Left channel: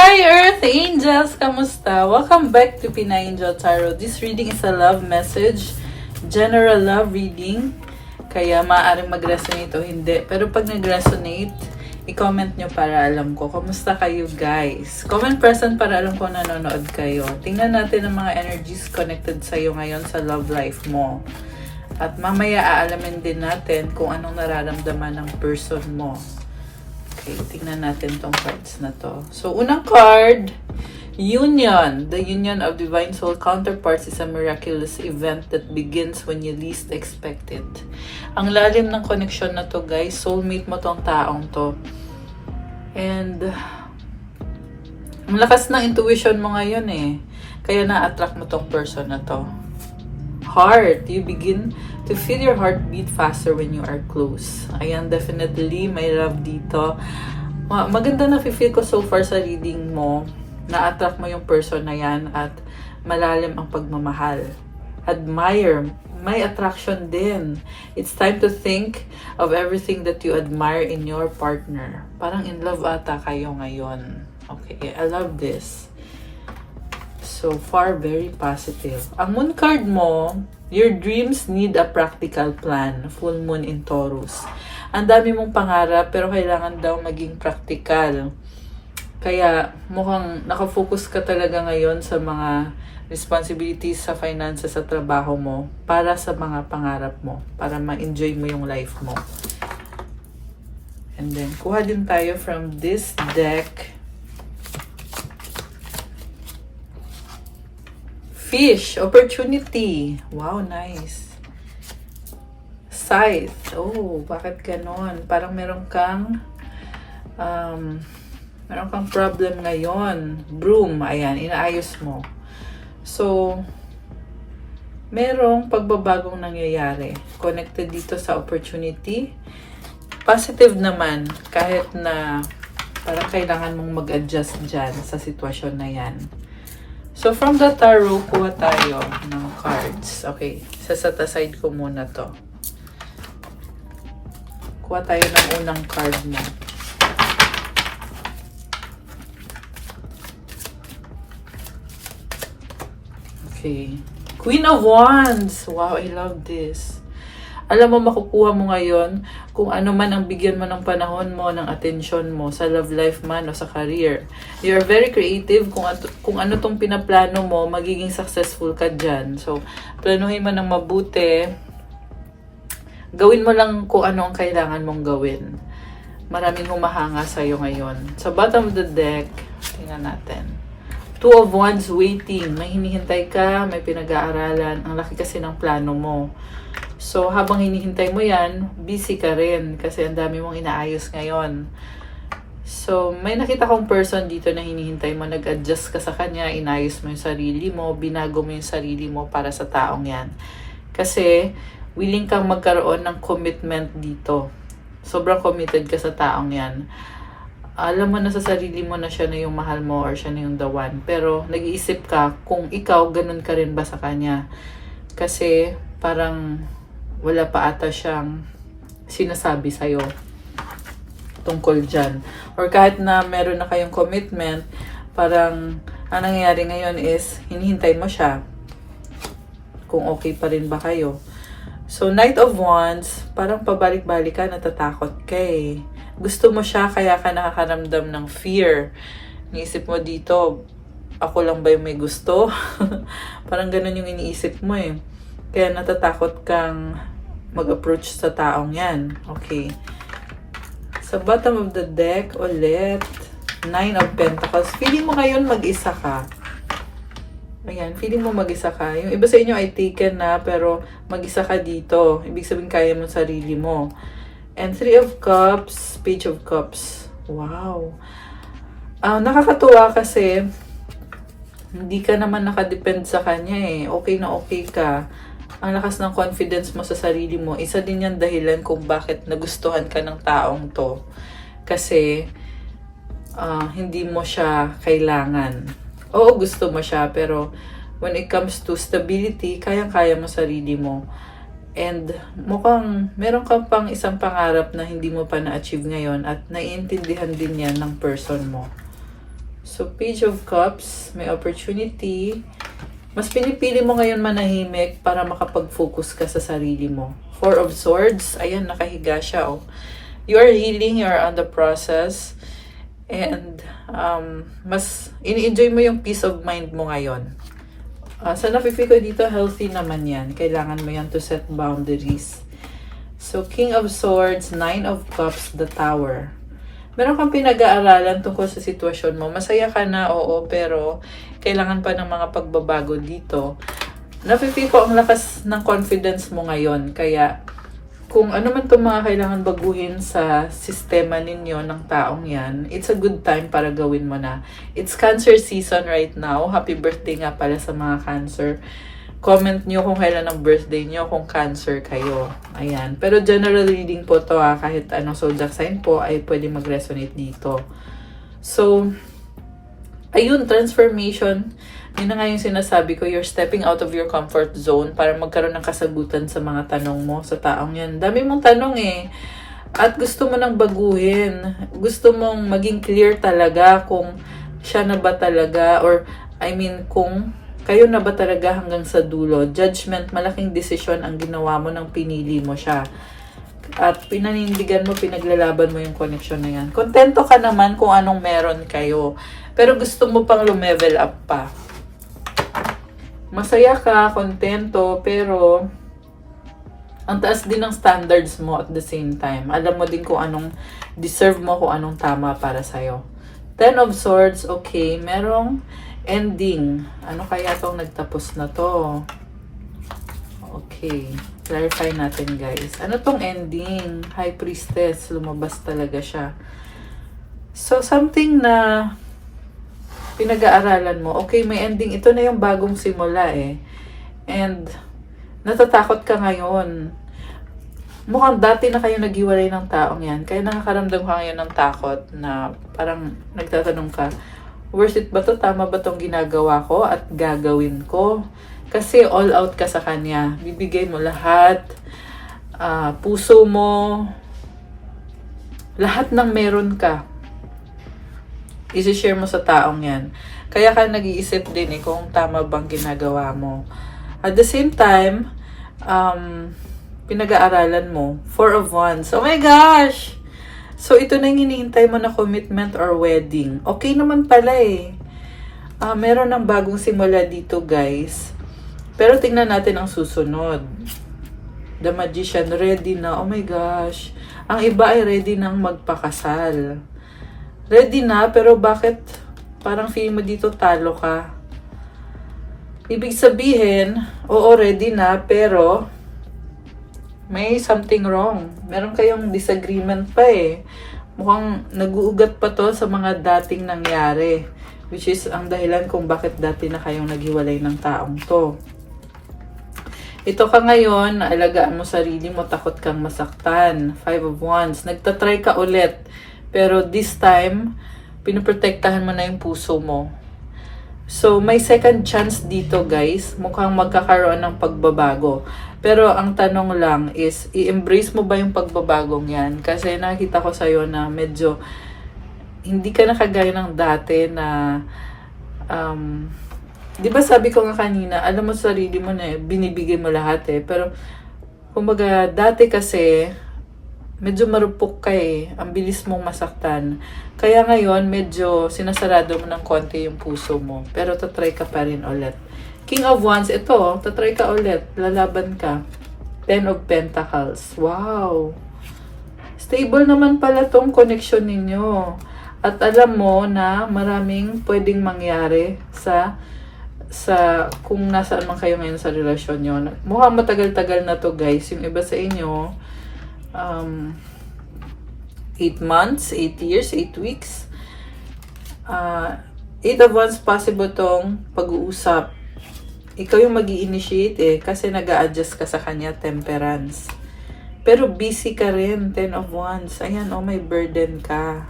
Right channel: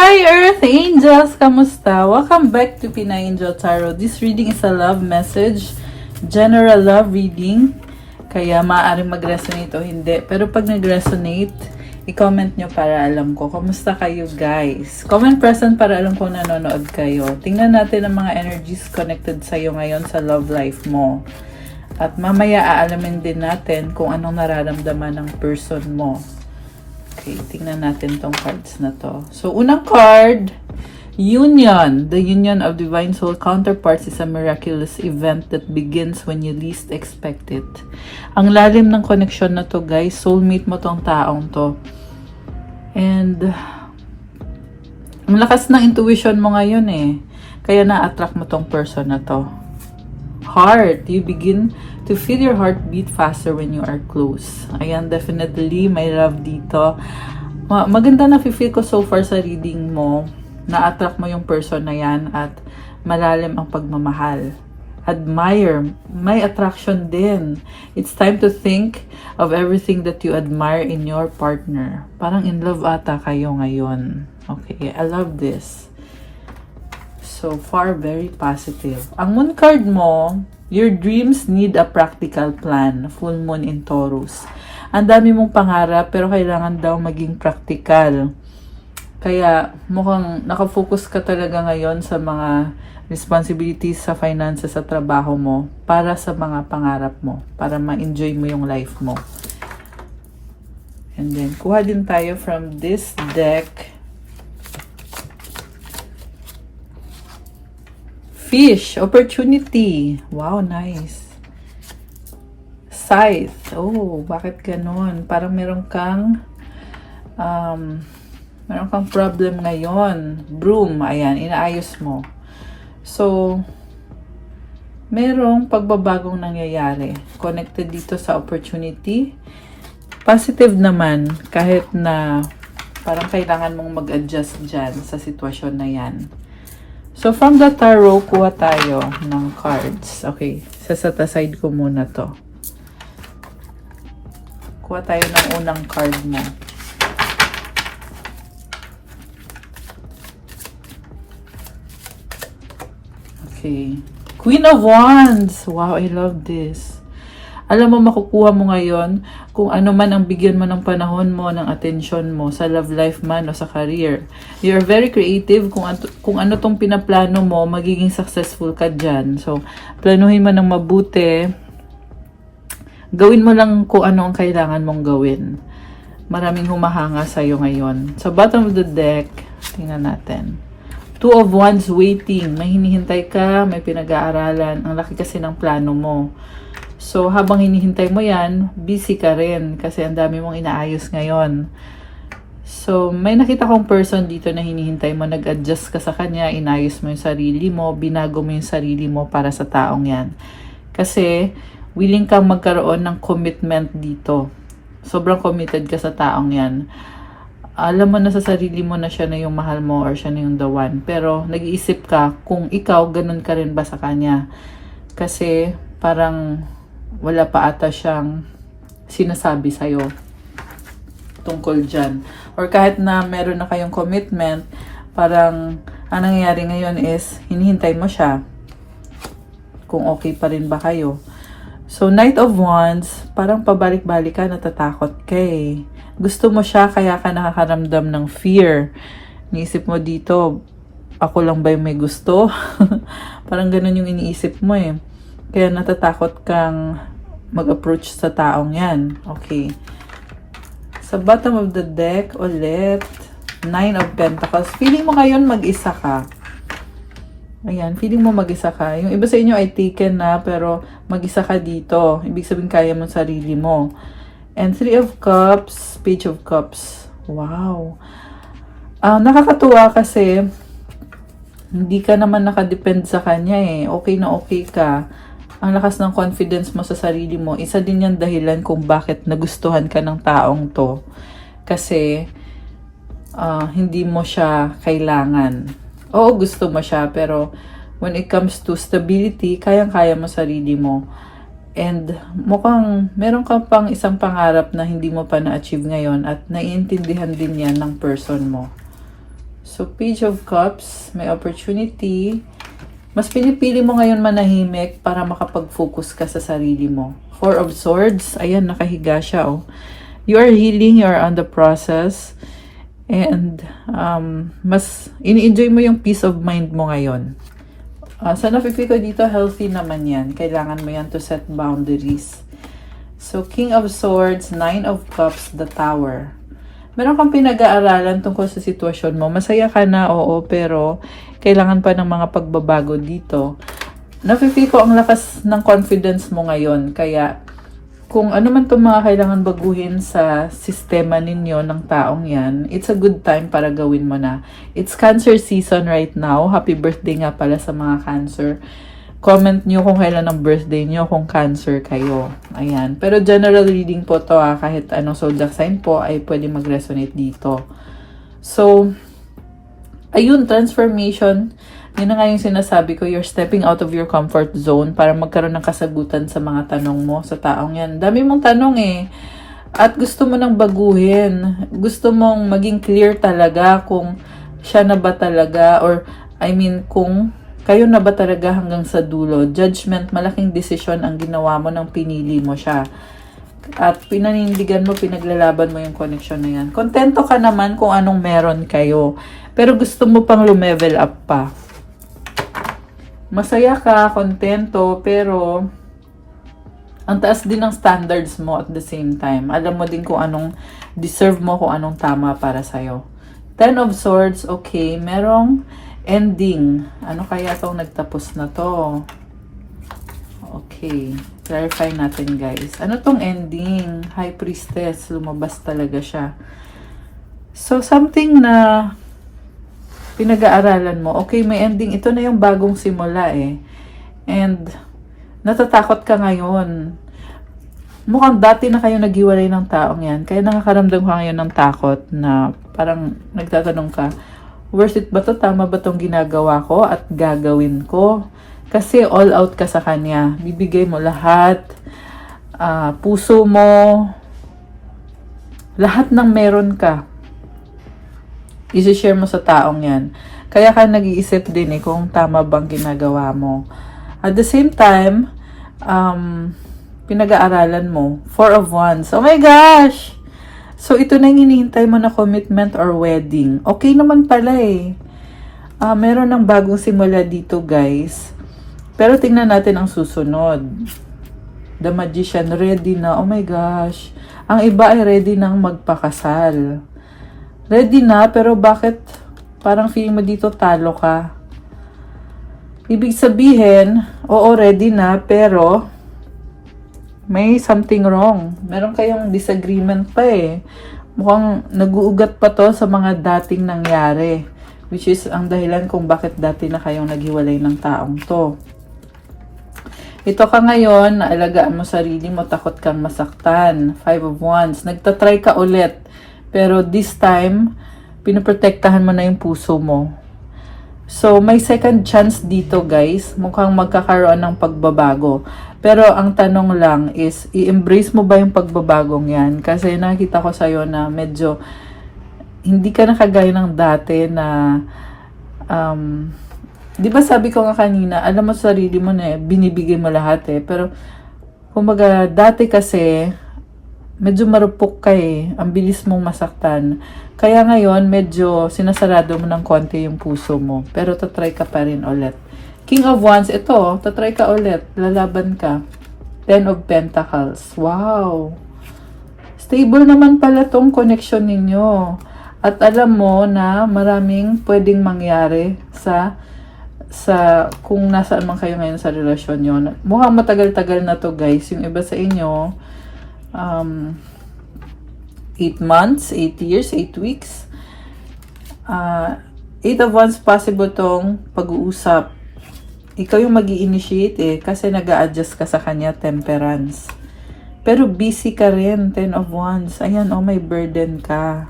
Hi Earth Angels! Kamusta? Welcome back to Pinay Angel Tarot. This reading is a love message, general love reading. Kaya maaaring mag-resonate o hindi. Pero pag nag-resonate, i-comment nyo para alam ko. Kamusta kayo guys? Comment person para alam ko nanonood kayo. Tingnan natin ang mga energies connected sa'yo ngayon sa love life mo. At mamaya aalamin din natin kung anong nararamdaman ng person mo. Okay, tingnan natin tong cards na to. So, unang card, Union. The union of divine soul counterparts is a miraculous event that begins when you least expect it. Ang lalim ng connection na to, guys. Soulmate mo tong taong to. And, ang lakas ng intuition mo ngayon eh. Kaya na-attract mo tong person na to. Heart. You begin to feel your heartbeat faster when you are close. Ayan, definitely may love dito. Maganda na feel ko so far sa reading mo. Na-attract mo yung person na yan at malalim ang pagmamahal. Admire. May attraction din. It's time to think of everything that you admire in your partner. Parang in love ata kayo ngayon. Okay, I love this. So far, very positive. Ang moon card mo, your dreams need a practical plan. Full moon in Taurus. Ang dami mong pangarap, pero kailangan daw maging practical. Kaya mukhang nakafocus ka talaga ngayon sa mga responsibilities sa finances sa trabaho mo para sa mga pangarap mo. Para ma-enjoy mo yung life mo. And then, kuha din tayo from this deck. Fish, opportunity. Wow, nice. Scythe. Oh, bakit ganon? Parang meron kang problem ngayon. Broom, ayan, inaayos mo. So, merong pagbabagong nangyayari. Connected dito sa opportunity. Positive naman, kahit na parang kailangan mong mag-adjust dyan sa sitwasyon na yan. So, from the tarot, kuha tayo ng cards. Okay, set aside ko muna to. Kuha tayo ng unang card na. Okay. Queen of Wands. Wow, I love this. Alam mo, makukuha mo ngayon kung ano man ang bigyan mo ng panahon mo, ng attention mo, sa love life man o sa career. You're very creative kung ano tong pinaplano mo, magiging successful ka dyan. So, planuhin mo ng mabuti. Gawin mo lang kung ano ang kailangan mong gawin. Maraming humahanga sa'yo ngayon. Sa bottom of the deck, tingnan natin. Two of Wands waiting. May hinihintay ka, may pinag-aaralan. Ang laki kasi ng plano mo. So, habang hinihintay mo yan, busy ka rin kasi ang dami mong inaayos ngayon. So, may nakita kong person dito na hinihintay mo, nag-adjust ka sa kanya, inayos mo yung sarili mo, binago mo yung sarili mo para sa taong yan. Kasi, willing kang magkaroon ng commitment dito. Sobrang committed ka sa taong yan. Alam mo na sa sarili mo na siya na yung mahal mo or siya na yung the one. Pero, nag-iisip ka kung ikaw, ganun ka rin ba sa kanya. Kasi, parang wala pa ata siyang sinasabi sa'yo tungkol dyan. Or kahit na meron na kayong commitment, parang ang nangyayari ngayon is hinihintay mo siya kung okay pa rin ba kayo. So, Knight of Wands, parang pabalik-balik ka, natatakot ka eh. Gusto mo siya, kaya ka nakakaramdam ng fear. Niisip mo dito, ako lang ba yung may gusto? Parang ganun yung iniisip mo eh. Kaya natatakot kang mag-approach sa taong yan. Okay. Sa bottom of the deck, ulit, Nine of Pentacles. Feeling mo ngayon mag-isa ka. Ayan, feeling mo mag-isa ka. Yung iba sa inyo ay taken na, pero mag-isa ka dito. Ibig sabihin kaya mo sarili mo. And Three of Cups, Page of Cups. Wow. Nakakatuwa kasi hindi ka naman nakadepend sa kanya eh. Okay na okay ka. Ang lakas ng confidence mo sa sarili mo, isa din yung dahilan kung bakit nagustuhan ka ng taong to. Kasi, hindi mo siya kailangan. Oo, gusto mo siya, pero when it comes to stability, kayang-kaya mo sarili mo. And mukhang meron ka pang isang pangarap na hindi mo pa na-achieve ngayon at naiintindihan din yan ng person mo. So, Page of Cups, may opportunity. Mas pinipili mo ngayon manahimik para makapag-focus ka sa sarili mo. Four of Swords, ayan, nakahiga siya, oh. You are healing, you are on the process. And, mas ini-enjoy mo yung peace of mind mo ngayon. Sa napipi ko dito, healthy naman yan. Kailangan mo yan to set boundaries. So, King of Swords, Nine of Cups, the Tower. Meron kang pinag-aaralan tungkol sa sitwasyon mo. Masaya ka na, oo, pero kailangan pa ng mga pagbabago dito. Napipi ko ang lakas ng confidence mo ngayon. Kaya, kung ano man itong mga kailangan baguhin sa sistema ninyo ng taong yan, it's a good time para gawin mo na. It's Cancer season right now. Happy birthday nga pala sa mga Cancer. Comment nyo kung kailan ang birthday nyo, kung Cancer kayo. Ayan. Pero general reading po to, kahit anong zodiac sign po ay pwede mag-resonate dito. So, ayun, transformation. Yun na nga yung sinasabi ko, you're stepping out of your comfort zone para magkaroon ng kasagutan sa mga tanong mo sa taong yan. Dami mong tanong eh. At gusto mo nang baguhin. Gusto mong maging clear talaga kung siya na ba talaga, or I mean, kung kayo na ba talaga hanggang sa dulo. Judgment, malaking desisyon ang ginawa mo nang pinili mo siya. At pinanindigan mo, pinaglalaban mo yung connection na yan. Kontento ka naman kung anong meron kayo. Pero gusto mo pang lumevel up pa. Masaya ka, kontento, pero ang taas din ng standards mo at the same time. Alam mo din kung anong deserve mo, kung anong tama para sa'yo. Ten of Swords, okay, merong ending. Ano kaya itong nagtapos na to? Okay, clarify natin guys. Ano tong ending? High Priestess, lumabas talaga siya. So, something na pinag-aaralan mo. Okay, may ending. Ito na yung bagong simula eh. And, natatakot ka ngayon. Mukhang dati na kayo naghiwalay ng taong yan. Kaya nakakaramdam ka ngayon ng takot na parang nagtatanong ka, worth it ba to? Tama ba tong ginagawa ko at gagawin ko? Kasi all out ka sa kanya. Bibigay mo lahat. Puso mo. Lahat ng meron ka. I-share mo sa taong yan. Kaya ka nag-iisip din eh kung tama bang ginagawa mo. At the same time, pinag-aaralan mo. Four of Wands. Oh my gosh! So, ito na yung hinihintay mo na commitment or wedding. Okay naman pala eh. Meron ng bagong simula dito guys. Pero tingnan natin ang susunod. The Magician, ready na. Oh my gosh. Ang iba ay ready nang magpakasal. Ready na, pero bakit parang feeling mo dito talo ka? Ibig sabihin, oo, ready na, pero may something wrong. Meron kayong disagreement pa eh. Mukhang nag-uugat pa to sa mga dating nangyari. Which is ang dahilan kung bakit dati na kayong naghiwalay ng taong to. Ito ka ngayon, naalagaan mo sarili mo, takot kang masaktan. Five of Wands. Nagtatry ka ulit. Pero this time, pinoprotektahan mo na yung puso mo. So, may second chance dito guys. Mukhang magkakaroon ng pagbabago. Pero ang tanong lang is, i-embrace mo ba yung pagbabagong yan? Kasi nakita ko sa'yo na medyo hindi ka na kagaya ng dati na di ba sabi ko nga kanina, alam mo sa sarili mo na binibigay mo lahat eh. Pero, kumbaga, dati kasi medyo marupok ka eh. Ang bilis mong masaktan. Kaya ngayon, medyo sinasarado mo ng konti yung puso mo. Pero tatry ka pa rin ulit. King of Wands, ito, tatry ka ulit. Lalaban ka. Ten of Pentacles. Wow! Stable naman pala tong connection ninyo. At alam mo na maraming pwedeng mangyari sa kung nasaan man kayo ngayon sa relasyon nyo. Mukhang matagal-tagal na to guys. Yung iba sa inyo, 8 months, 8 years, 8 weeks. 8 of Wands, possible tong pag-uusap. Ikaw yung mag-i-initiate eh, kasi nag-a-adjust ka sa kanya, Temperance. Pero busy ka rin, 10 of Wands. Ayan, oh, may burden ka.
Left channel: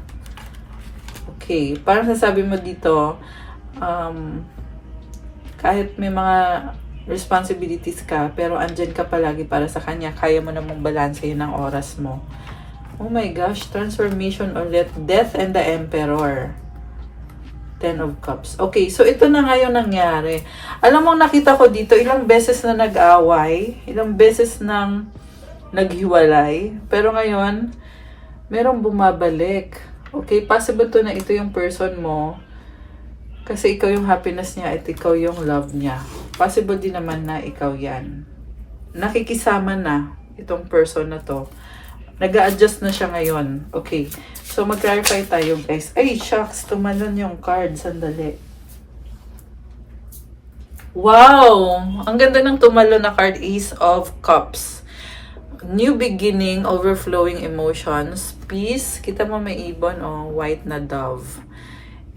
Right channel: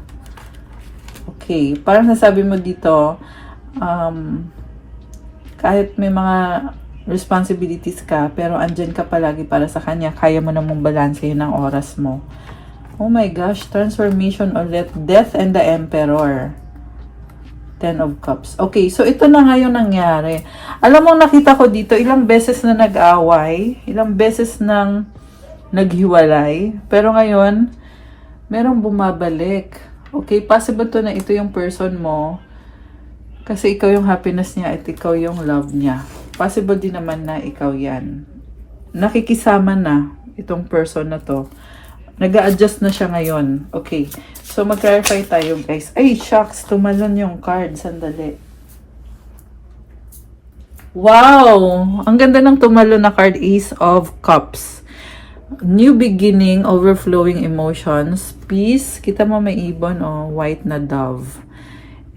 Okay, parang nasabi mo dito, kahit may mga responsibilities ka, pero andyan ka palagi para sa kanya, kaya mo namang balansehin ang oras mo. Oh my gosh, transformation ulit. Death and the Emperor. Ten of Cups. Okay, so ito na nga yung nangyari. Alam mo, nakita ko dito, ilang beses na nag-away, ilang beses nang naghiwalay, pero ngayon, merong bumabalik. Okay, possible to na ito yung person mo, kasi ikaw yung happiness niya at ikaw yung love niya. Possible din naman na ikaw yan. Nakikisama na itong person na to. Nag-a-adjust na siya ngayon. Okay. So, mag-clarify tayo, guys. Ay, shucks. Tumalon yung card. Sandali. Wow! Ang ganda ng tumalon na card. Ace of Cups. New beginning, overflowing emotions, peace. Kita mo may ibon, oh, white na dove.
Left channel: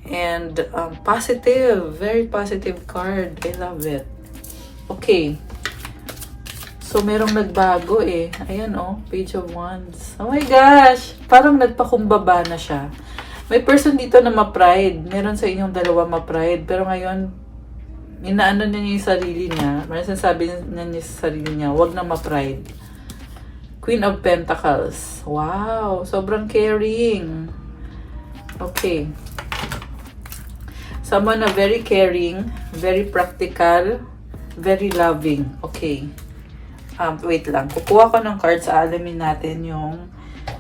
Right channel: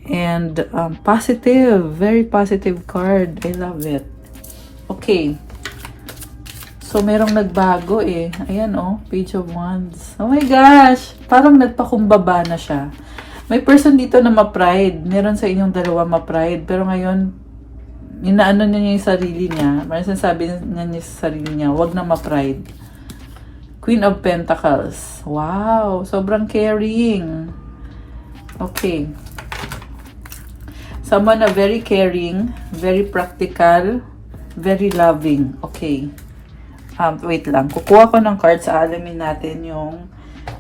And positive. Very positive card. I love it. Okay. So, merong nagbago eh. Ayan oh, Page of Wands. Oh my gosh! Parang nagpakumbaba na siya. May person dito na ma-pride. Meron sa inyong dalawa ma-pride. Pero ngayon, inaano niya yung sarili niya. Parang sinasabi niya sa sarili niya, wag na ma-pride. Queen of Pentacles. Wow! Sobrang caring. Okay. Someone na very caring, very practical, very loving. Okay. Wait lang. Kukuha ko ng cards. Alamin natin yung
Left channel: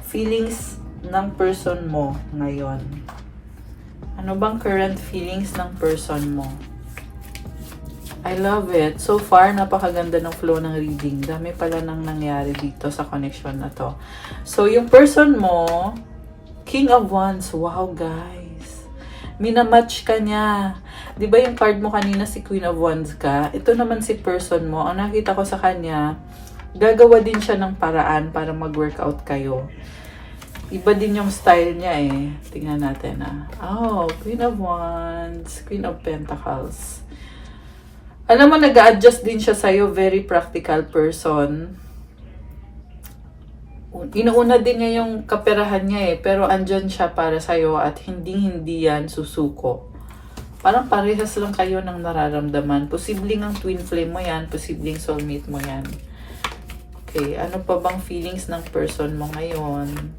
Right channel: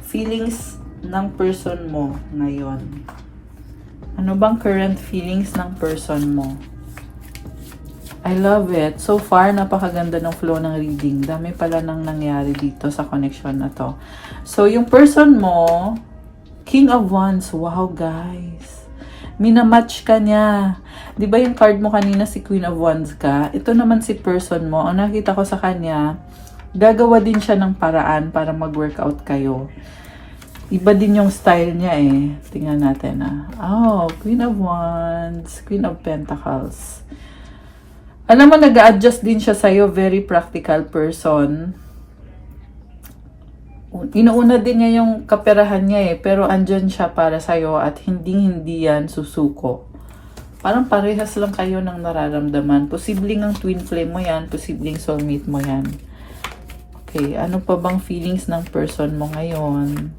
feelings ng person mo ngayon. Ano bang current feelings ng person mo? I love it. So far, napakaganda ng flow ng reading. Dami pala nang nangyari dito sa connection na to. So, yung person mo, King of Wands. Wow, guys. Minamatch ka niya. Di ba yung card mo kanina si Queen of Wands ka? Ito naman si person mo. Ang nakita ko sa kanya, gagawa din siya ng paraan para mag-workout kayo. Iba din yung style niya eh. Tingnan natin ah. Oh, Queen of Wands, Queen of Pentacles. Alam mo, nag-a-adjust din siya sa'yo. Very practical person. Inuuna din niya yung kaperahan niya eh. Pero andyan siya para sa'yo at hindi yan susuko. Parang parehas lang kayo ng nararamdaman. Posibleng ang twin flame mo yan. Posibleng soulmate mo yan. Okay, ano pa bang feelings ng person mo ngayon?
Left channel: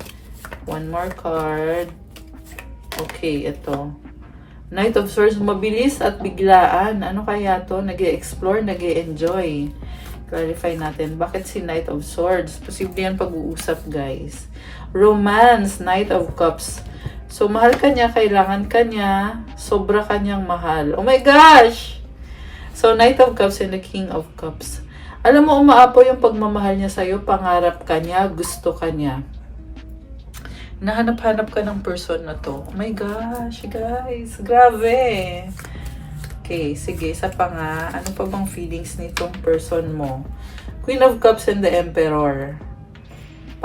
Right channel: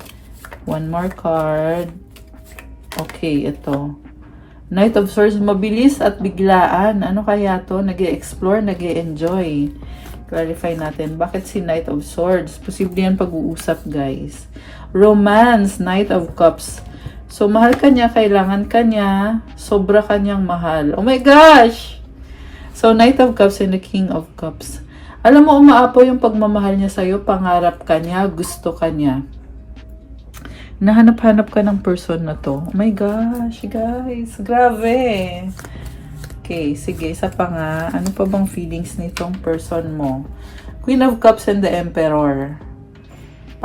One more card. Okay, ito. Knight of Swords, mabilis at biglaan. Ano kaya to? Nag-e-explore, nag-e-enjoy. Clarify natin. Bakit si Knight of Swords? Posible yan pag-uusap, guys. Romance, Knight of Cups. So, mahal ka niya, kailangan ka niya, sobra ka niyang mahal. Oh my gosh! So, Knight of Cups and the King of Cups. Alam mo, umaapo yung pagmamahal niya sa'yo, pangarap ka niya, gusto ka niya. Nahanap-hanap ka ng person na to. Oh my gosh, guys. Grabe. Okay, sige. Isa pa nga. Ano pa bang feelings nitong person mo? Queen of Cups and the Emperor.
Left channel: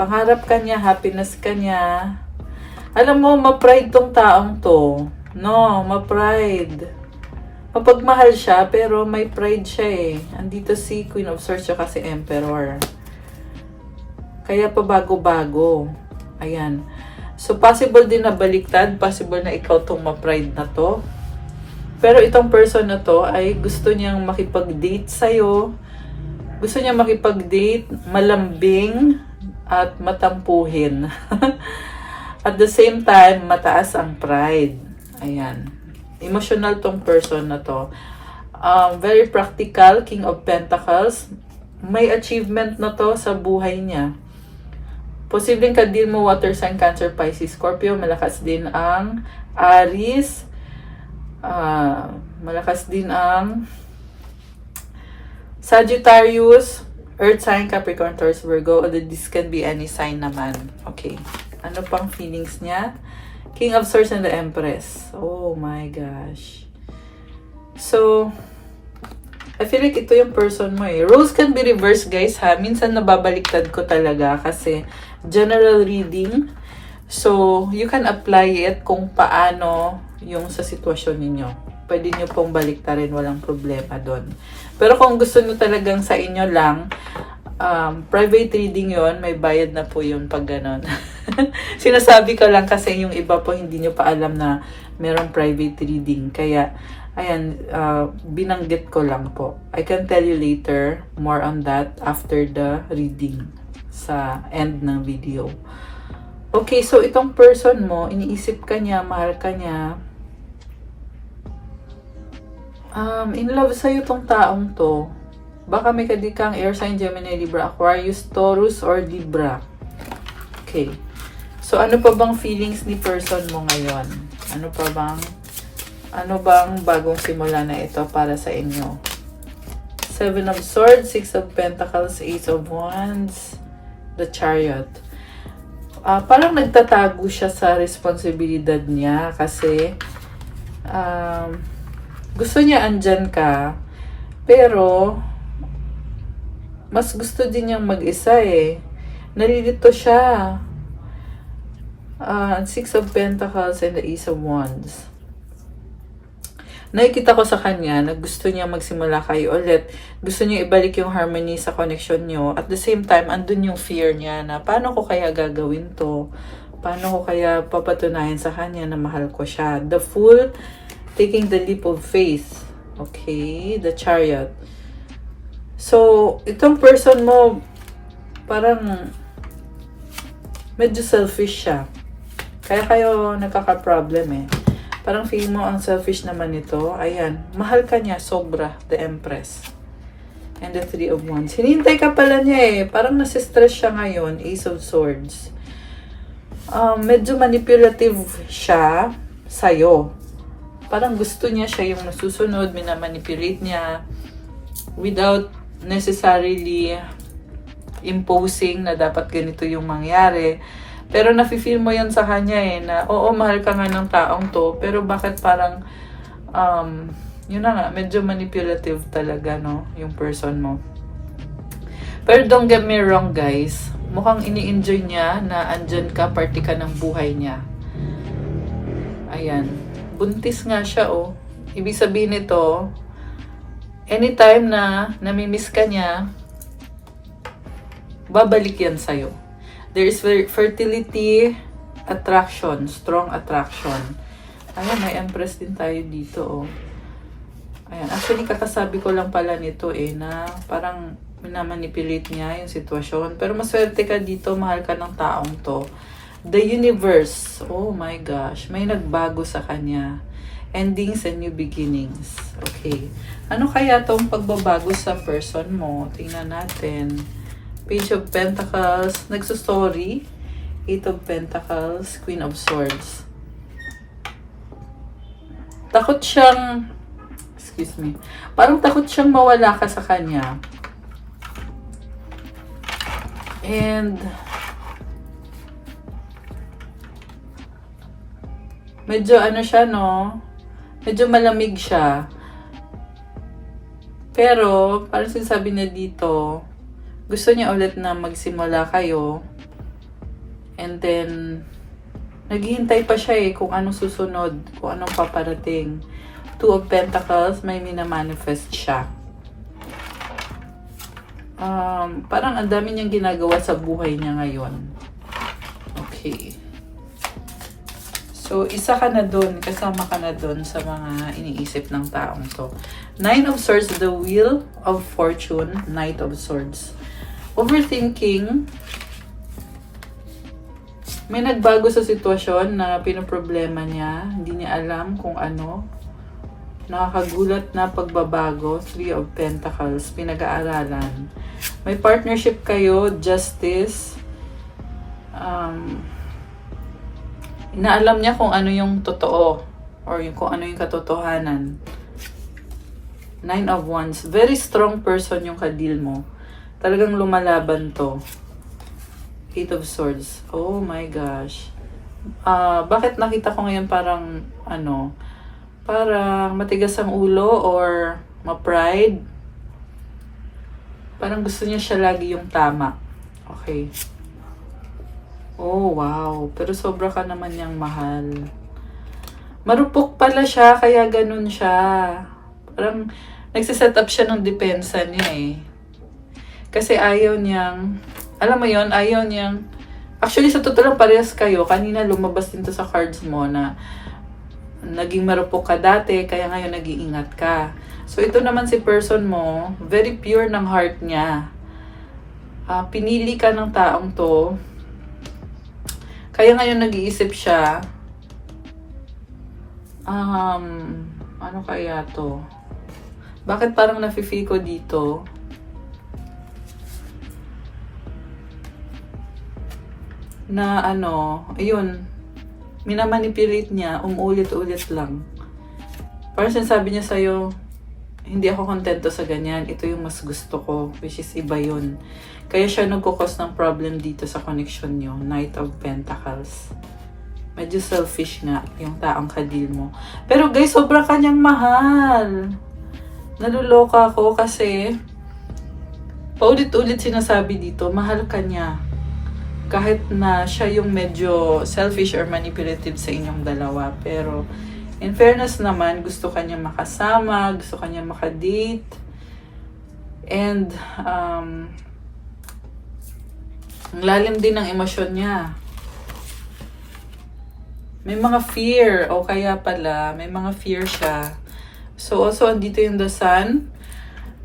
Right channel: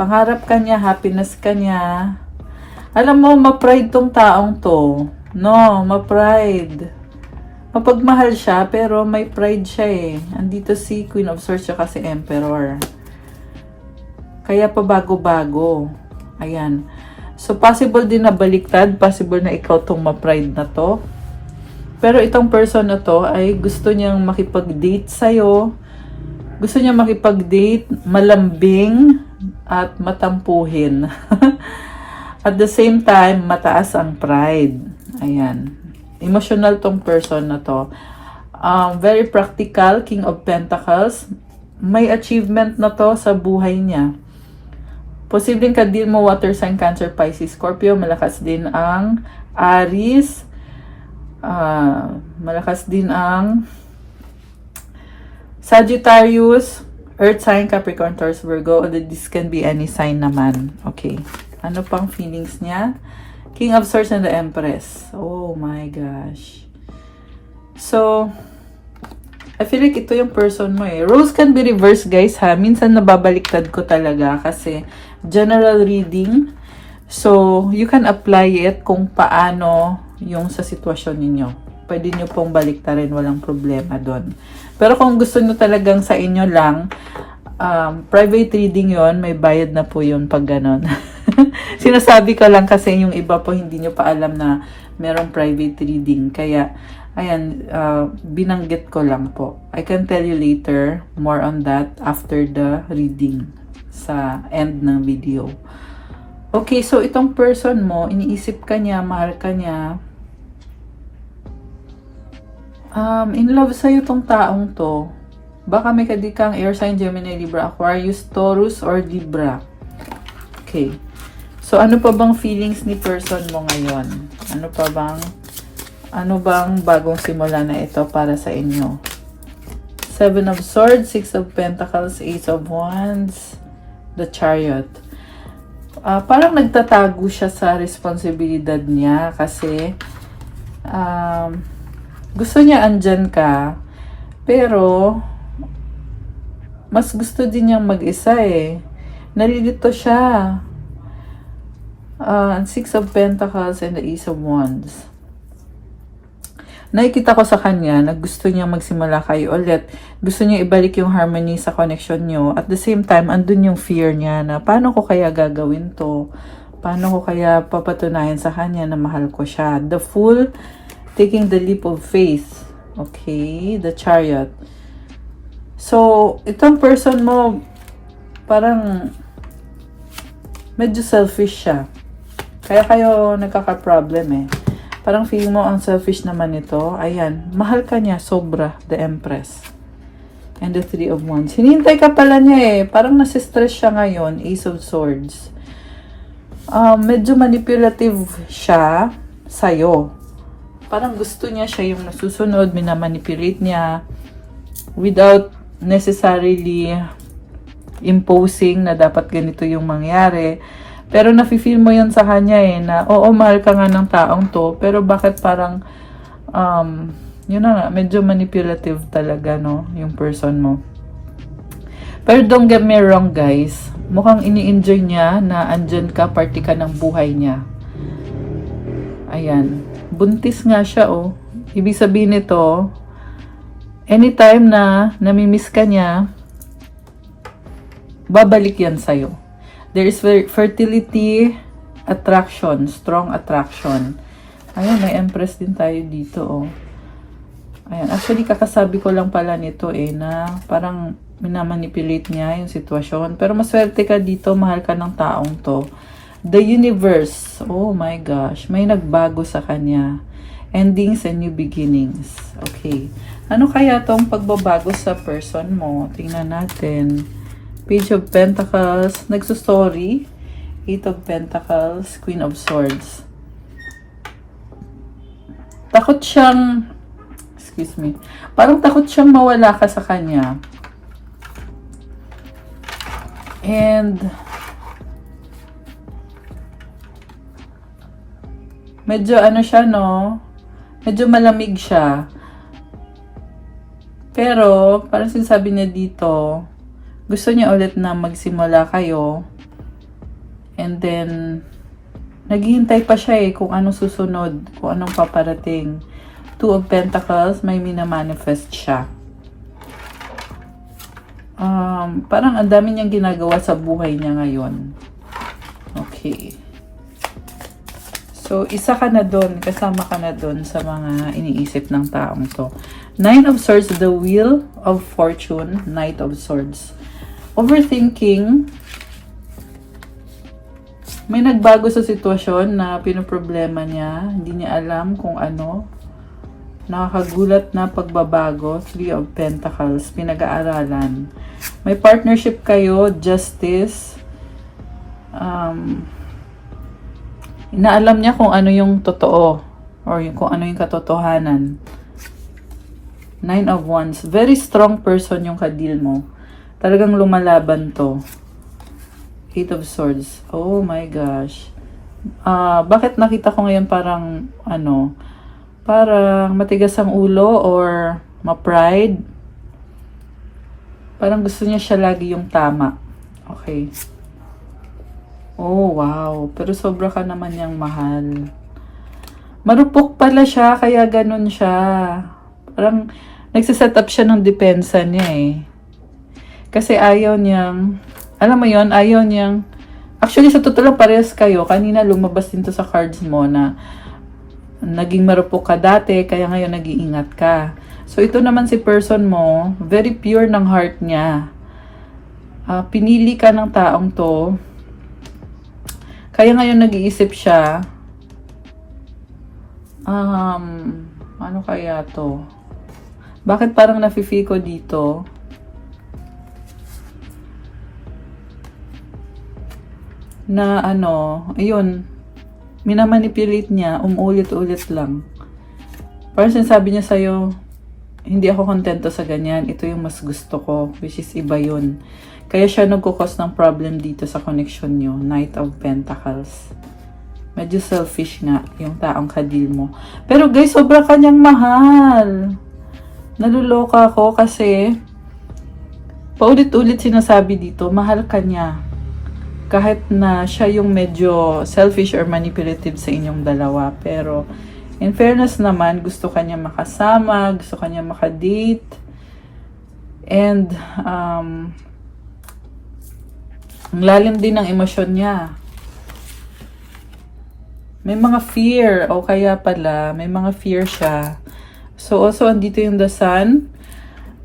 Pangarap ka niya, happiness ka niya. Alam mo, ma-pride tong taong to. No, ma-pride. Mapagmahal siya, pero may pride siya eh. Andito si Queen of Swords at si Emperor. Kaya pa bago-bago. Ayan. So, possible din na baliktad. Possible na ikaw tong ma-pride na to. Pero itong person na to ay gusto niyang makipag-date sa'yo. Gusto niyang makipag-date, malambing, at matampuhin. At the same time, mataas ang pride. Ayan. Emotional tong person na to. Very practical, King of Pentacles. May achievement na to sa buhay niya. Posibleng ka-deal mo water sign, Cancer, Pisces, Scorpio. Malakas din ang Aries. Malakas din ang Sagittarius, Earth sign, Capricorn, Taurus, Virgo. This can be any sign naman. Okay. Ano pang feelings niya? King of Swords and the Empress. Oh my gosh. So, I feel like ito yung person mo eh. Roles can be reversed, guys, ha. Minsan nababaliktad ko talaga kasi general reading. So, you can apply it kung paano yung sa sitwasyon ninyo. Pwede nyo pong baliktarin, walang problema doon. Pero kung gusto nyo talagang sa inyo lang, private reading yon, may bayad na po yun pag ganon. Sinasabi ka lang kasi yung iba po hindi nyo pa alam na meron private reading. Kaya, ayan, binanggit ko lang po. I can tell you later more on that after the reading sa end ng video. Okay, so itong person mo, iniisip ka niya, mahal ka niya, In love sa'yo tong taong to. Baka may kadikang air sign, Gemini, Libra, Aquarius, Taurus, or Libra. Okay. So, ano pa bang feelings ni person mo ngayon? Ano bang bagong simula na ito para sa inyo? 7 of Swords, 6 of Pentacles, Ace of Wands, the Chariot. Parang nagtatago siya sa responsibilidad niya kasi gusto niya andyan ka, pero mas gusto din niyang mag-isa eh. Nalilito siya. 6 of Pentacles and the Ace of Wands. Nakikita ko sa kanya na gusto niya magsimula kayo ulit. Gusto niya ibalik yung harmony sa connection niyo. At the same time, andun yung fear niya na paano ko kaya gagawin to? Paano ko kaya papatunayan sa kanya na mahal ko siya? The Fool, taking the leap of faith. Okay, the Chariot. So, itong person mo, parang medyo selfish siya. Kaya kayo nagkaka-problem eh. Parang feeling mo ang selfish naman ito. Ayan, mahal ka niya, sobra, the Empress. And the 3 of Wands. Hinintay ka pala niya eh. Parang nasistress siya ngayon, Ace of Swords. Medyo manipulative siya sa'yo. Parang gusto niya siya yung nasusunod, minamanipulate niya without necessarily imposing na dapat ganito yung mangyari. Pero nafe-feel mo yun sa kanya eh, na oo, mahal ka nga ng taong to, pero bakit parang, yun na nga, medyo manipulative talaga, no, yung person mo. Pero don't get me wrong, guys, mukhang ini-enjoy niya na andyan ka, party ka ng buhay niya. Ayan, buntis nga siya, oh. Ibig sabihin nito, anytime na namimiss ka niya, babalik yan sa'yo. There is fertility, attraction, strong attraction. May Empress din tayo dito, oh. Ayan, actually, kakasabi ko lang pala nito eh, na parang minamanipulate niya yung sitwasyon. Pero maswerte ka dito, mahal ka ng taong to. The Universe, oh my gosh, may nagbago sa kanya. Endings and new beginnings. Okay. Ano kaya tong pagbabago sa person mo? Tingnan natin. Page of Pentacles, nagsustory, 8 of Pentacles, Queen of Swords. Takot siyang, excuse me, parang takot siyang mawala ka sa kanya. And, medyo ano siya, no? Medyo malamig siya. Pero, parang sinasabi niya dito, gusto niya ulit na magsimula kayo. And then, naghihintay pa siya eh kung anong susunod, kung anong paparating. 2 of Pentacles, may minamanifest siya. Parang ang dami niyang ginagawa sa buhay niya ngayon. Okay. So, isa ka na doon, kasama ka na doon sa mga iniisip ng taong to. 9 of Swords, the Wheel of Fortune, Knight of Swords. Overthinking, may nagbago sa sitwasyon na pinoproblema niya, hindi niya alam kung ano. Nakakagulat na pagbabago, 3 of Pentacles, pinag-aaralan. May partnership kayo, justice. Inaalam niya kung ano yung totoo or kung ano yung katotohanan. 9 of Wands, very strong person yung kadil mo. Talagang lumalaban to. 8 of Swords. Oh my gosh. Bakit nakita ko ngayon parang, parang matigas ang ulo or ma-pride? Parang gusto niya siya lagi yung tama. Okay. Oh, wow. Pero sobra ka naman niyang mahal. Marupok pala siya, kaya ganun siya. Parang nagsiset up siya ng depensa niya eh. Kasi ayaw niyang, alam mo yon, ayaw niyang, actually sa totoo lang parehas kayo, kanina lumabas din to sa cards mo na naging marupok ka dati, kaya ngayon nag-iingat ka. So ito naman si person mo, very pure ng heart niya. Pinili ka ng taong to, kaya ngayon nag-iisip siya, ano kaya to? Bakit parang nafe-feel ko dito? Na ano, ayun, minamanipulate niya, umuulit-ulit lang. Parang sinasabi niya sa'yo, hindi ako kontento sa ganyan, ito yung mas gusto ko, which is iba yun. Kaya siya nagkukos ng problem dito sa connection nyo, Knight of Pentacles. Medyo selfish nga yung taong kadil mo. Pero guys, sobra kanyang mahal. Naluloka ako kasi paulit-ulit sinasabi dito, mahal ka niya. Kahit na siya yung medyo selfish or manipulative sa inyong dalawa. Pero in fairness naman, gusto ka niya makasama, gusto ka niya makadate. And ang lalim din ng emosyon niya. May mga fear, o kaya pala, may mga fear siya. So also, andito yung the sun.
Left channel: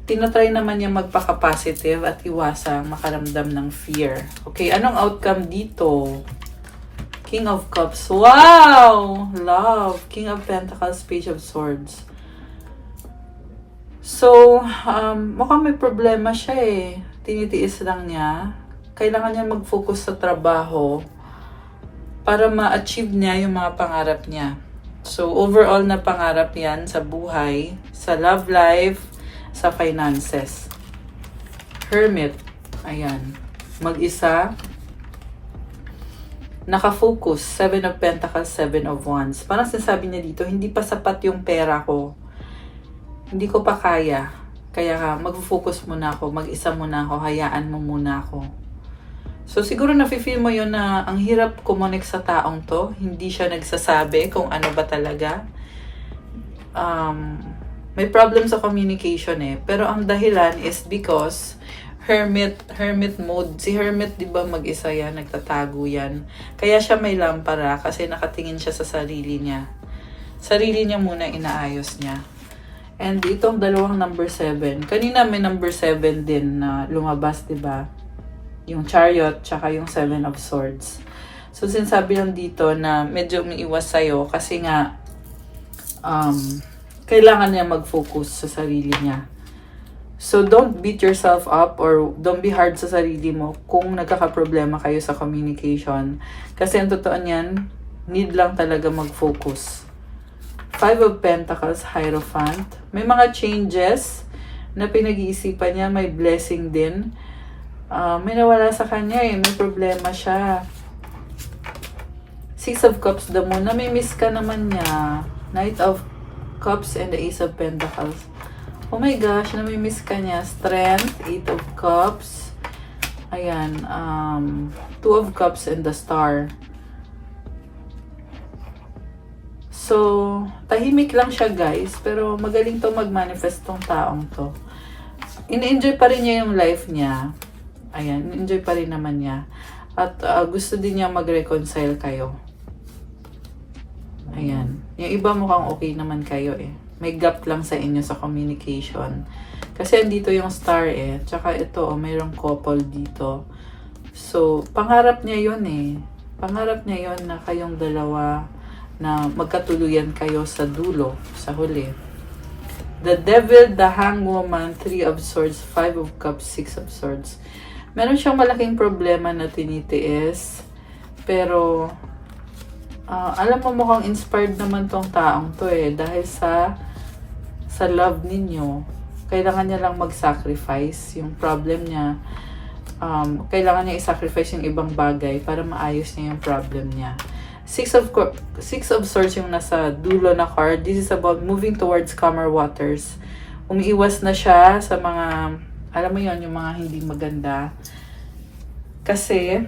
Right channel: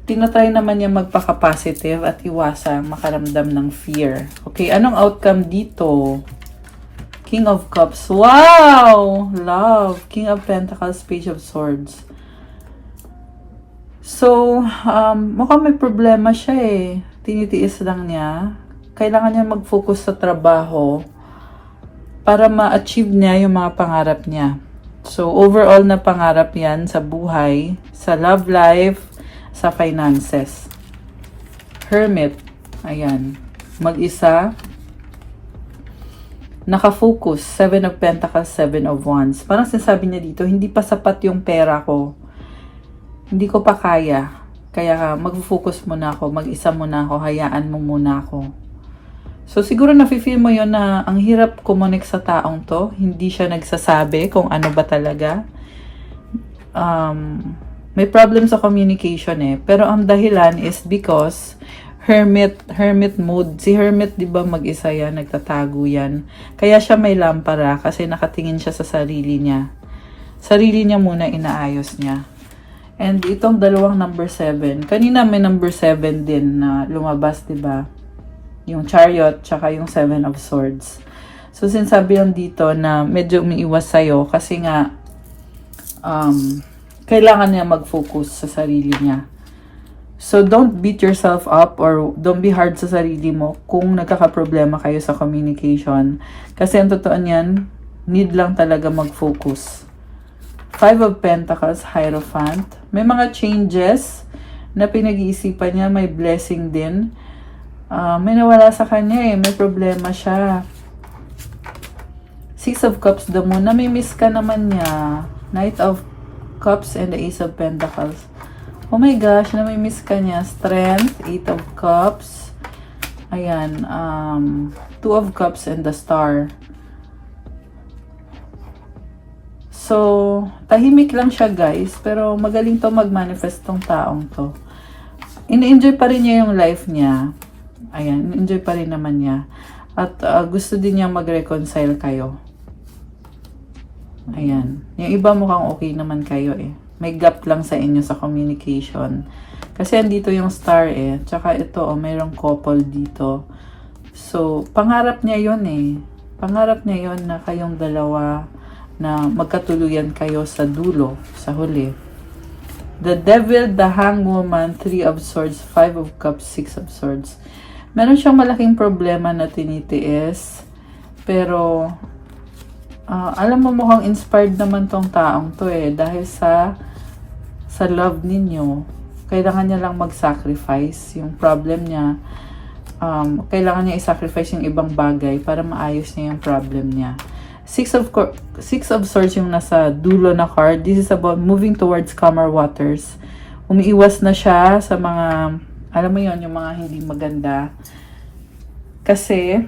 Tinatry naman niya magpaka-positive at iwasang makaramdam ng fear. Okay, anong outcome dito? King of Cups. Wow! Love. King of Pentacles, Page of Swords. So, mukhang may problema siya eh. Tinitiis lang niya. Kailangan niya mag-focus sa trabaho para ma-achieve niya yung mga pangarap niya. So, overall na pangarap yan sa buhay, sa love life, sa finances. Hermit. Ayan. Mag-isa. Nakafocus. 7 of Pentacles, 7 of Wands. Parang sinasabi niya dito, hindi pa sapat yung pera ko. Hindi ko pa kaya. Kaya mag-focus muna ako. Mag-isa muna ako. Hayaan mo muna ako. So, siguro nafe-feel mo yon na ang hirap kumonek sa taong to. Hindi siya nagsasabi kung ano ba talaga. May problem sa communication eh. Pero ang dahilan is because hermit mode. Si hermit, di ba, mag-isa yan, nagtatago yan. Kaya siya may lampara kasi nakatingin siya sa sarili niya. Sarili niya muna inaayos niya. And itong dalawang number 7. Kanina may number 7 din na lumabas, di ba? Yung Chariot, tsaka yung 7 of Swords. So, sinasabi lang dito na medyo umiiwas sa'yo kasi nga kailangan niya mag-focus sa sarili niya. So, don't beat yourself up or don't be hard sa sarili mo kung nagkakaproblema kayo sa communication. Kasi ang totoo niyan, need lang talaga mag-focus. 5 of Pentacles, Hierophant. May mga changes na pinag-iisipan niya, may blessing din. May nawala sa kanya eh. May problema siya. 6 of Cups daw mo. Nami-miss ka naman niya. Knight of Cups and the Ace of Pentacles. Oh my gosh, nami-miss ka niya. Strength, 8 of Cups. Ayan. 2 of Cups and the Star. So, tahimik lang siya guys. Pero magaling to mag-manifest tong taong to. In-enjoy pa rin niya yung life niya. Ayan, enjoy pa rin naman niya. At gusto din niya mag-reconcile kayo. Ayan. Yung iba mukhang okay naman kayo eh. May gap lang sa inyo sa communication. Kasi andito yung star eh. Tsaka ito, mayroong couple dito. So, pangarap niya yun eh. Pangarap niya yun na kayong dalawa na magkatuluyan kayo sa dulo, sa huli. The Devil, the Hangwoman, 3 of Swords, 5 of Cups, 6 of Swords. Meron siyang malaking problema na tinitiis. Pero, alam mo mukhang inspired naman tong taong to eh. Dahil sa love ninyo, kailangan niya lang mag-sacrifice. Yung problem niya, kailangan niya i-sacrifice yung ibang bagay para maayos niya yung problem niya. 6 of Swords yung nasa dulo na card. This is about moving towards calmer waters. Umiiwas na siya sa mga, alam mo yun, yung mga hindi maganda. Kasi,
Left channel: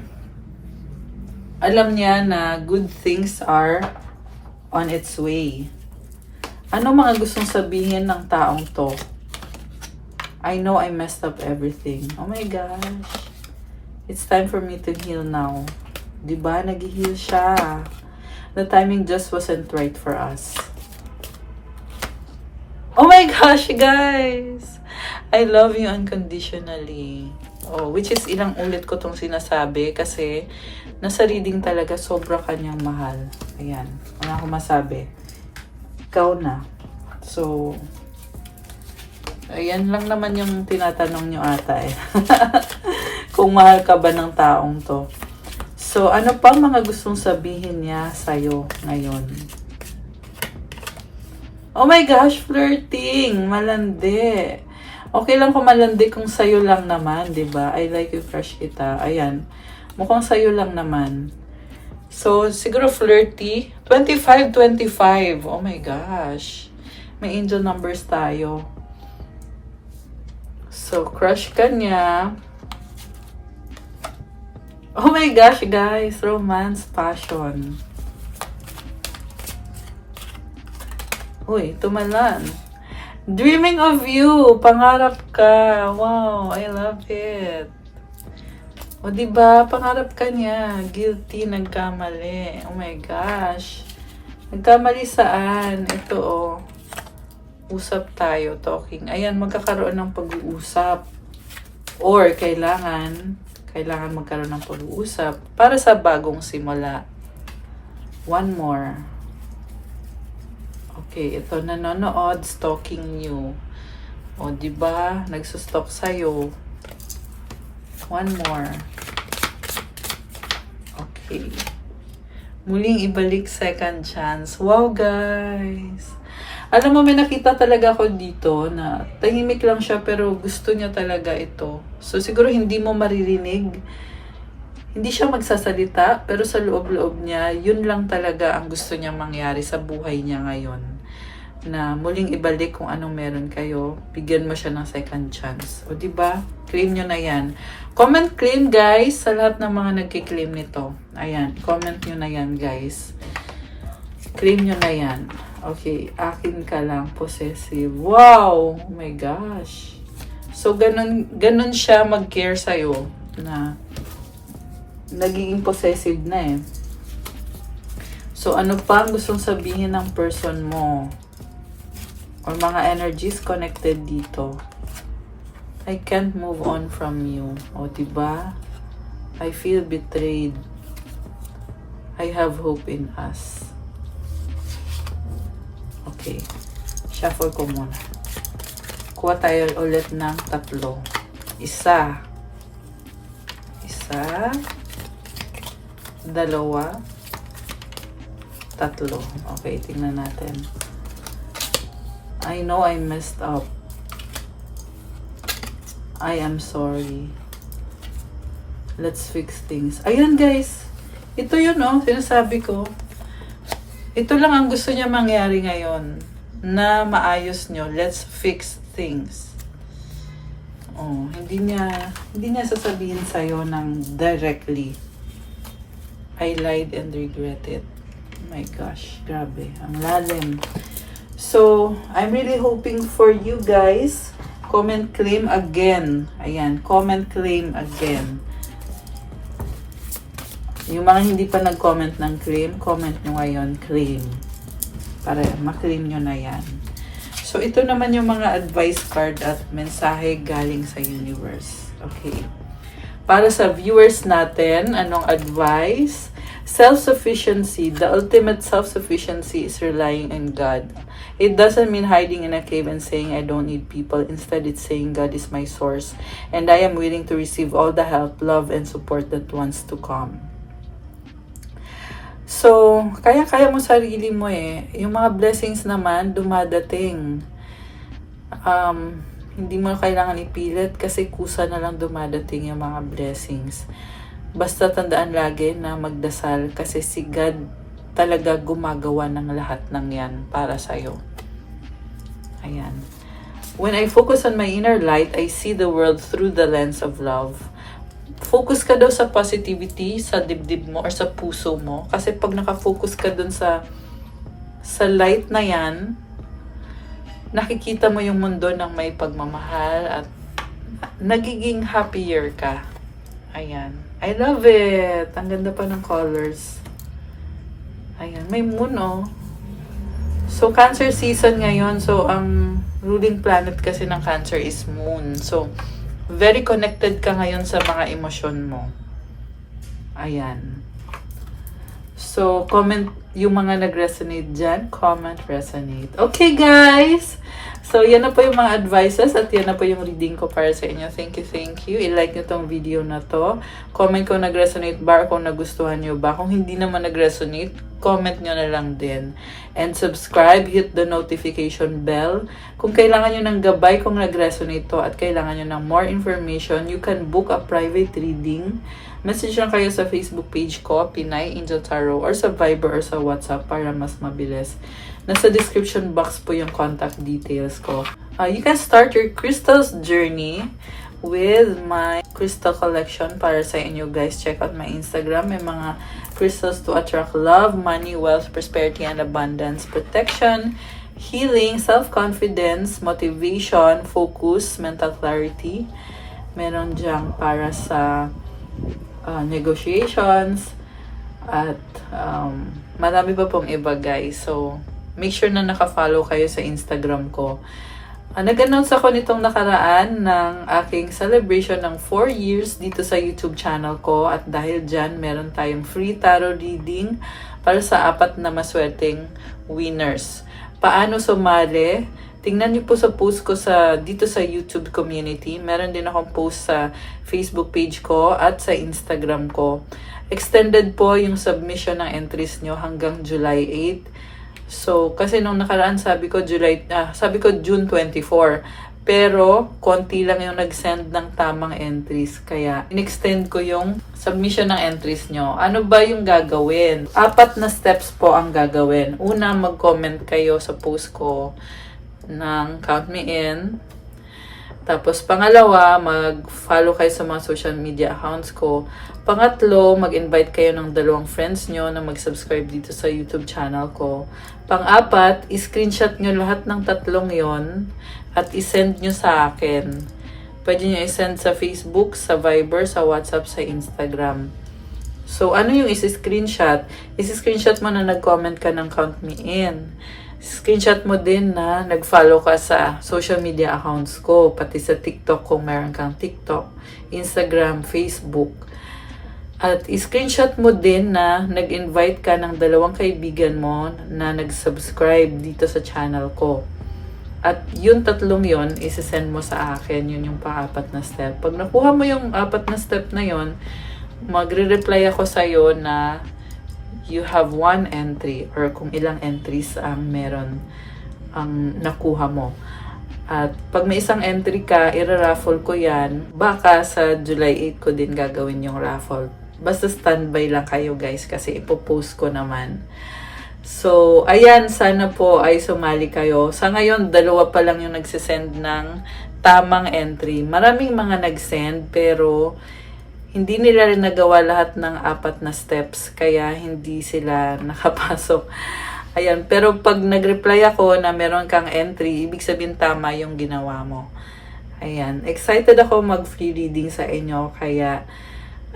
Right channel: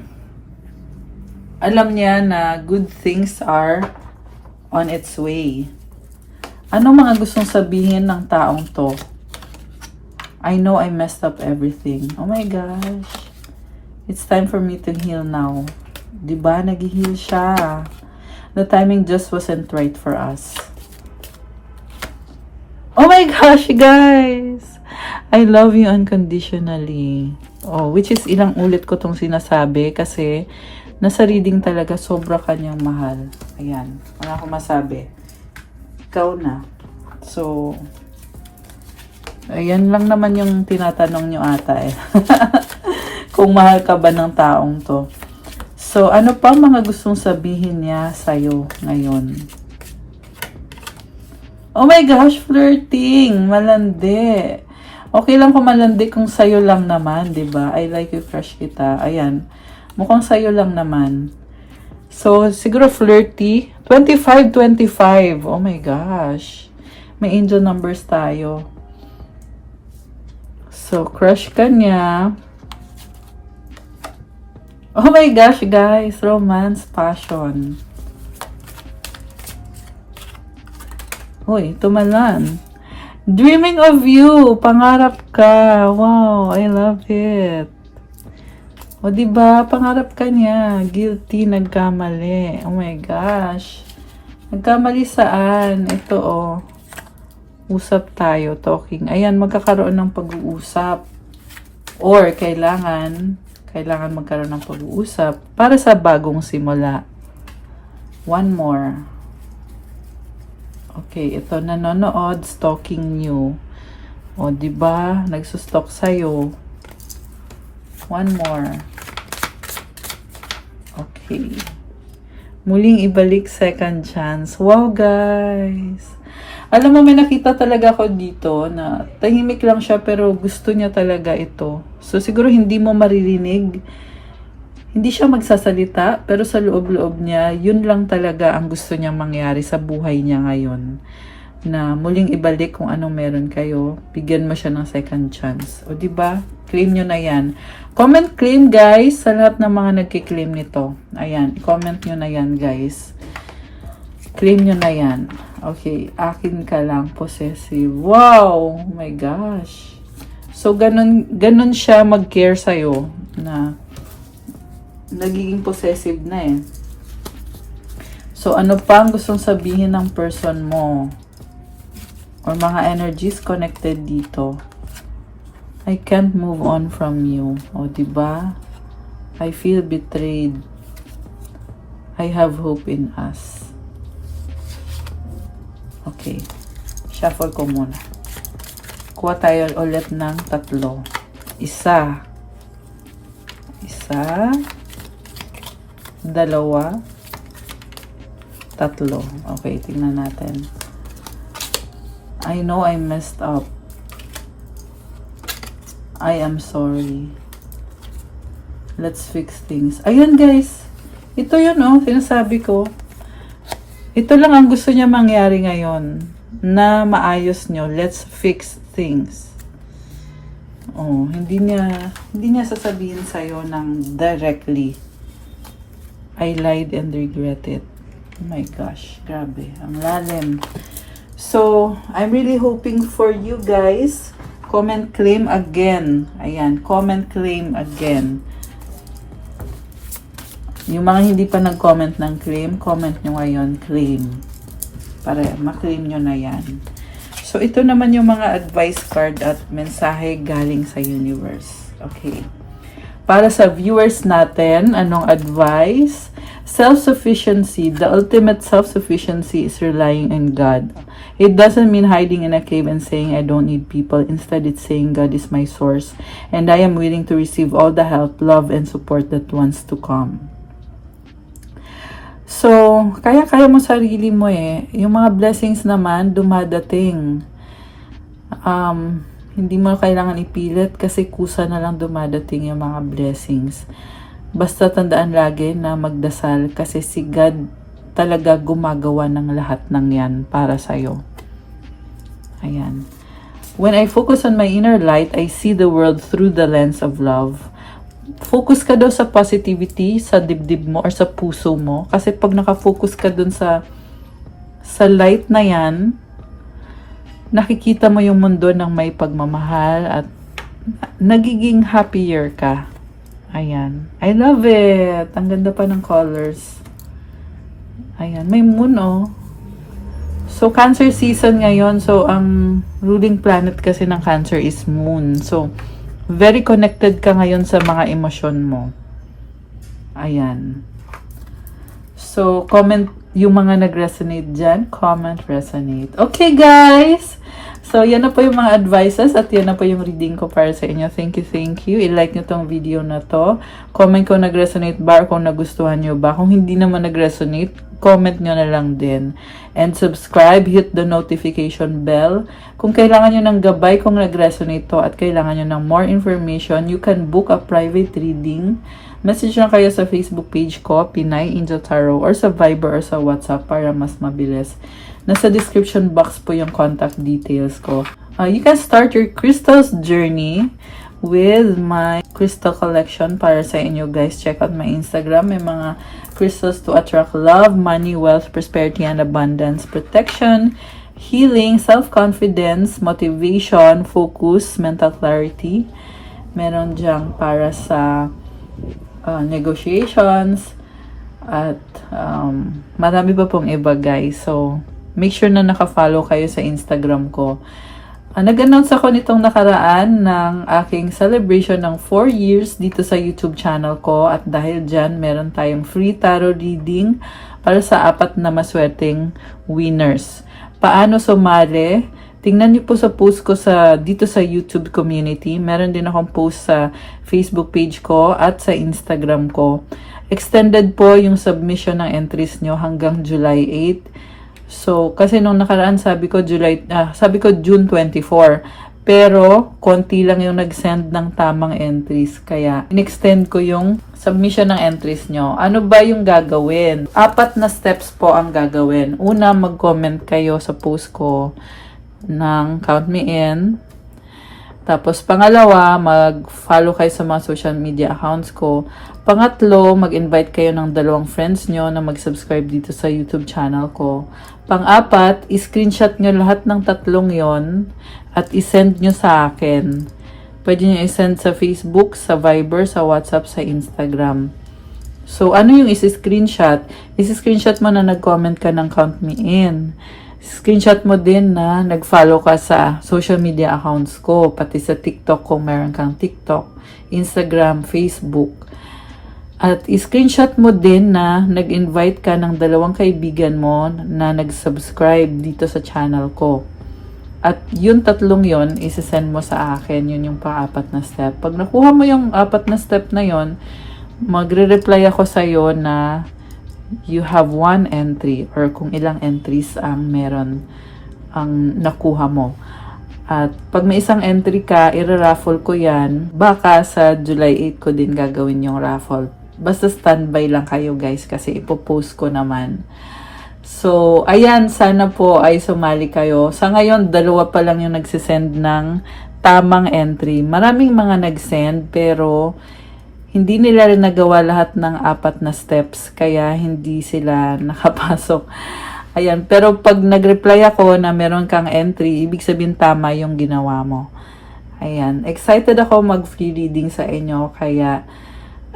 alam niya na good things are on its way. Ano mga gustong sabihin ng taong to? I know I messed up everything. Oh my gosh. It's time for me to heal now. Diba? Nag-heal siya. The timing just wasn't right for us. Oh my gosh, guys! I love you unconditionally. Oh, which is ilang ulit ko tong sinasabi kasi nasa reading talaga sobra kanyang mahal. Ayan. Wala akong masabi. Ikaw na. So, Ayan lang naman yung tinatanong nyo ata eh. Kung mahal ka ba ng taong to. So, ano pang mga gustong sabihin niya sa'yo ngayon? Oh my gosh, flirting. Malandi. Okay lang kung malandi kung sa'yo lang naman, di ba? I like you, crush kita. Ayan. Mukhang sa'yo lang naman. So, siguro flirty. 25-25. Oh my gosh. May angel numbers tayo. So, crush ka niya. Oh my gosh, guys. Romance, passion. Uy, tumalan. Dreaming of you. Pangarap ka. Wow, I love it. O, diba? Pangarap ka niya. Guilty, nagkamali. Oh my gosh. Nagkamali saan? Ito, oh. Usap tayo, talking. Ayan, magkakaroon ng pag-uusap. Or, kailangan magkaroon ng pag-uusap para sa bagong simula. One more. Okay, ito nanonood, stalking you. O, diba? Nagsustalk sa'yo. One more. Okay. Muling ibalik second chance. Wow, guys. Alam mo, may nakita talaga ako dito na tahimik lang siya pero gusto niya talaga ito. So, siguro hindi mo maririnig. Hindi siya magsasalita, pero sa loob-loob niya, yun lang talaga ang gusto niyang mangyari sa buhay niya ngayon. Na muling ibalik kung anong meron kayo, bigyan mo siya ng second chance. O diba? Claim nyo na yan. Comment claim, guys, sa lahat ng mga nagki-claim nito. Ayan, comment nyo na yan, guys. Claim nyo na yan. Okay, akin ka lang, possessive. Wow! Oh my gosh. So, ganun siya mag-care sa'yo na nagiging possessive na eh. So, ano pa ang gustong sabihin ng person mo? Or mga energies connected dito? I can't move on from you. O, diba? I feel betrayed. I have hope in us. Okay. Shuffle ko muna. Kuha tayo ulit ng 3. Isa. 2, 3. Okay, tingnan natin. I know I messed up. I am sorry. Let's fix things. Ayan, guys. Ito yun, oh. Sinasabi ko. Ito lang ang gusto niya mangyari ngayon. Na maayos nyo. Let's fix things. Oh, hindi niya sasabihin sa'yo ng directly. I lied and regret it. Oh my gosh, grabe. Ang lalim. So, I'm really hoping for you guys. Comment claim again. Ayan, comment claim again. Yung mga hindi pa nag-comment ng claim, comment nyo ngayon, claim. Para ma-claim nyo na yan. So, ito naman yung mga advice card at mensahe galing sa universe. Okay. Para sa viewers natin, anong advice? Self-sufficiency. The ultimate self-sufficiency is relying on God. It doesn't mean hiding in a cave and saying, I don't need people. Instead, it's saying, God is my source. And I am willing to receive all the help, love, and support that wants to come. So, kaya-kaya mo sarili mo eh. Yung mga blessings naman, dumadating. Hindi mo kailangan ipilit kasi kusa na lang dumadating yung mga blessings. Basta tandaan lagi na magdasal kasi si God talaga gumagawa ng lahat ng yan para sa'yo. Ayan. When I focus on my inner light, I see the world through the lens of love. Focus ka daw sa positivity, sa dibdib mo or sa puso mo. Kasi pag nakafocus ka dun sa light na yan, nakikita mo yung mundo ng may pagmamahal at nagiging happier ka. Ayan. I love it. Ang ganda pa ng colors. Ayan. May moon, oh. So, Cancer season ngayon. So, ang ruling planet kasi ng Cancer is moon. So, very connected ka ngayon sa mga emosyon mo. Ayan. So, comment Yung mga nag-resonate dyan, comment resonate. Okay, guys! So, yan na po yung mga advices at yan na po yung reading ko para sa inyo. Thank you, thank you. I-like nyo tong video na to. Comment kung nag-resonate ba or kung nagustuhan nyo ba. Kung hindi naman nag-resonate, comment nyo na lang din. And subscribe, hit the notification bell. Kung kailangan nyo ng gabay kung nag-resonate to at kailangan nyo ng more information, you can book a private reading. Message na kayo sa Facebook page ko, Pinay Angel Tarot, or sa Viber or sa WhatsApp para mas mabilis. Nasa description box po yung contact details ko. You can start your crystals journey with my crystal collection para sa inyo, guys. Check out my Instagram. May mga crystals to attract love, money, wealth, prosperity, and abundance, protection, healing, self-confidence, motivation, focus, mental clarity. Meron diyang para sa negotiations at marami pa pong iba, guys. So, make sure na naka-follow kayo sa Instagram ko. Nag-announce ako nitong nakaraan ng aking celebration ng 4 years dito sa YouTube channel ko at dahil dyan, meron tayong free tarot reading para sa 4 na maswerteng winners. Paano sumali? Tingnan niyo po sa post ko dito sa YouTube community. Meron din akong post sa Facebook page ko at sa Instagram ko. Extended po yung submission ng entries nyo hanggang July 8. So, kasi nung nakaraan sabi ko June 24. Pero, konti lang yung nag-send ng tamang entries. Kaya, in-extend ko yung submission ng entries nyo. Ano ba yung gagawin? 4 na steps po ang gagawin. Una, mag-comment kayo sa post ko ng Count Me In. Tapos, pangalawa, mag-follow kayo sa mga social media accounts ko. Pangatlo, mag-invite kayo ng 2 friends nyo na mag-subscribe dito sa YouTube channel ko. Pang-4, i-screenshot nyo lahat ng 3 yon at i-send nyo sa akin. Pwede nyo i-send sa Facebook, sa Viber, sa WhatsApp, sa Instagram. So, ano yung isi-screenshot? Isi-screenshot mo na nag-comment ka ng Count Me In. Screenshot mo din na nag-follow ka sa social media accounts ko, pati sa TikTok kung meron kang TikTok, Instagram, Facebook. At i-screenshot mo din na nag-invite ka ng 2 kaibigan mo na nag-subscribe dito sa channel ko. At yung 3 yon, isi-send mo sa akin. Yun yung pang-4 na step. Pag nakuha mo yung 4 na step na yon, magre-reply ako sa'yo na you have 1 entry or kung ilang entries ang meron ang nakuha mo. At pag may isang entry ka, i-raffle ko yan. Baka sa July 8 ko din gagawin yung raffle. Basta standby lang kayo, guys, kasi ipopost ko naman. So, ayan, sana po ay sumali kayo. Sa ngayon, 2 pa lang yung nagsisend ng tamang entry. Maraming mga nag-send, pero hindi nila rin nagawa lahat ng 4 na steps, kaya hindi sila nakapasok. Ayan, pero pag nag-reply ako na meron kang entry, ibig sabihin tama yung ginawa mo. Ayan, excited ako mag-free reading sa inyo, kaya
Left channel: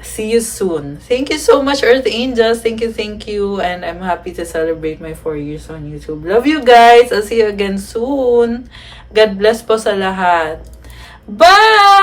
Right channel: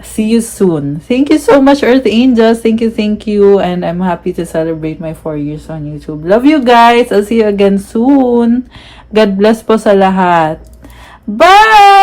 see you soon. Thank you so much, Earth Angels. Thank you. And I'm happy to celebrate my 4 years on YouTube. Love you guys. I'll see you again soon. God bless po sa lahat. Bye!